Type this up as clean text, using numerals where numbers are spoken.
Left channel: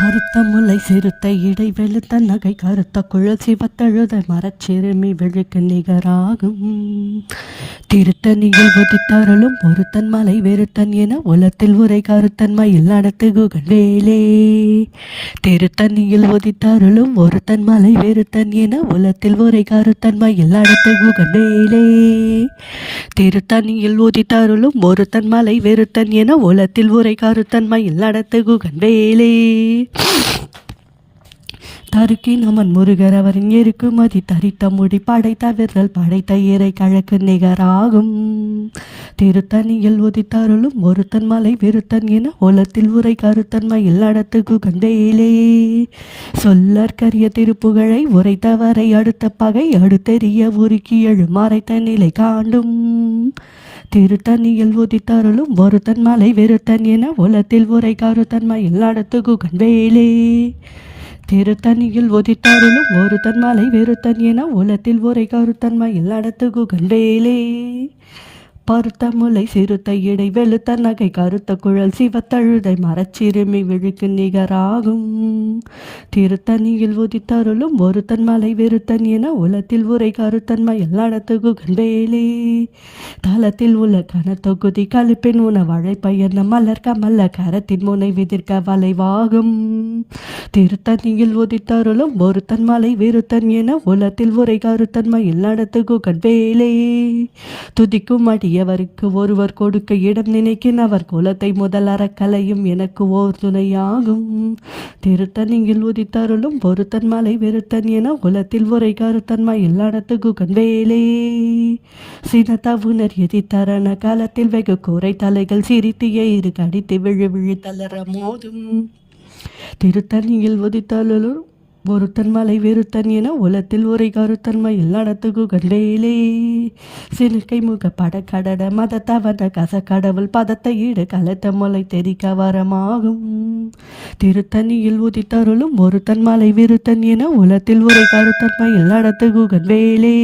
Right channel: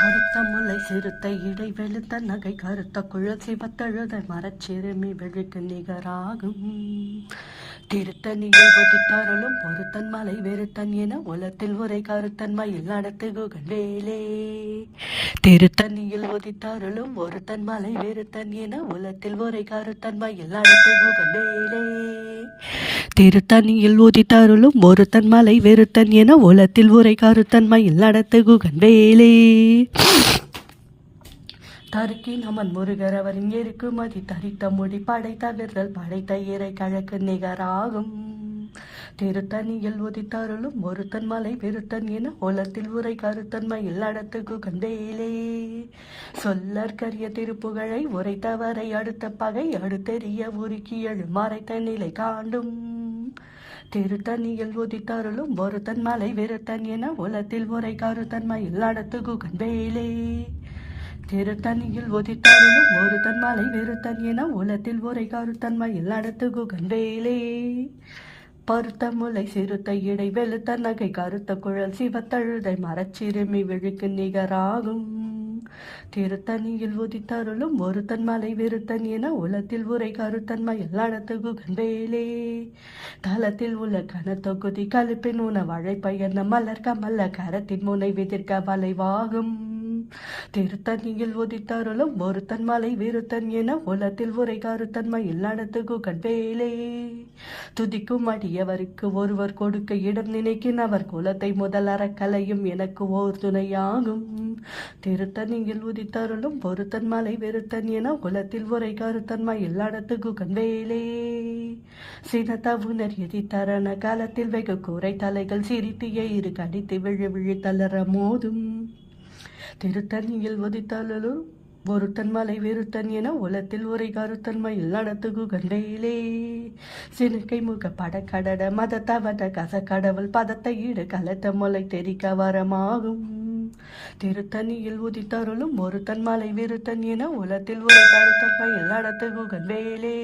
கருத்த முல்லை சிறுத்த இடை வெளுத்த நகை கருத்த குழல் சிவத்தழுத மரச்சிறுமி விழுக்கு நிகராகும். திருத்தணியில் உதித்தருளும் ஒருத்தன் மலை வெறுத்தன் என உலத்தில் உரை கருத்தன்மையில் நடத்து குகன் வேலே. திருத்தணியில் உதித்தருளும் ஒருத்தன் மலை வெறுத்தன் என உலத்தில் உரை கருத்தன்மையில் நடத்து குகன் வேலே. திருத்தணியில் உதித்தருளும் ஒருத்தன் மலை வெறுத்தன் என உலத்தில் உரை கருத்தன்மையில் நடத்து குகன் வேலே. தருக்கி நமன் முருகர் அவரின் எருக்குமதி தரித்த முடி படைத்த விரல் படைத்த இறை கழக்கு நிகராகும். திருத்தணியில் உதித்தருளும் ஒருத்தன் மலை விருத்தன் என உலத்தில் உரை கருத்தன்மையில் நடத்து குகன் வேலே. சொல்லற்கரிய திருப்புகழை உரைத்தவரை அடுத்த பகை அடுத்தெறிய உருக்கி எழு மறைத்த நிலை காண்டும். திருத்தணியில் உதித்தருளும் ஒருத்தன் மலை வெறுத்தன் என உலத்தில் உரை கருத்தன்மையில் நடத்து குகன் வேலே. திருத்தணியில் உதித்தருளும் ஒருத்தன் மலை வெறுத்தன் என உலத்தில் உரை கருத்தன்மையில் நடத்து குகன் வேலே. பருத்த முலை சிறுத்த இடை வெளுத்த நகை கருத்த குழல் சிவத்தழுதை மரச்சிறுமி விழுக்கு நிகராகும். திருத்தணியில் உதித்தருளும் ஒருத்தன் மலை வெறுத்தன் என உலத்தில் உரை கருத்தன்மையில் நடத்து குகன் வேலே. தலத்தில் உள்ள கனத்தொகுதி கழுப்பின் உணவழை பயன மலர் கமல்ல கரத்தின் முனை விதிர்க்க வளைவாகும். திருத்தணியில் உதித்தருளும் ஒருத்தன் மலை வெறுத்தன் என உலத்தில் உரை கருத்தன்மையில் நடத்து குகன் வேலே. துதிக்கும் அடியவருக்கு ஒருவர் கொடுக்க இடம் நினைக்கின் அவர் குலத்தை முதல் அறக்கலையும் எனக்கு ஓர் துணையாகும். திருத்தணியில் உதித்தருளும் ஒருத்தன் மலை வெறுத்தன் என உலத்தில் உரை கருத்தன்மையில் நடத்து குகன் வேலே. சினத்தவுணர் எதித்தரண காலத்தில் வெகு கூரை தலைகள் சிரித்திய இரு கடித்து விழு விழி தளர மோதும். திருத்தணியில் உதித்தருளும் ஒருத்தன் மலை வெறுத்தன் என உலத்தில் உரை கருத்தன்மையில் நடத்து குகன் வேலே. சிறுக்கை முக படக்கடட மத தவற கச கடவுள் பதத்தை ஈடு கலத்த முலை தெரிக்க வரமாகும். திருத்தணியில் உதித்தருளும் ஒருத்தன் மலை வெறுத்தன் என உலத்தில் உரை கருத்தன்மையில் நடத்து குகன் வேலே.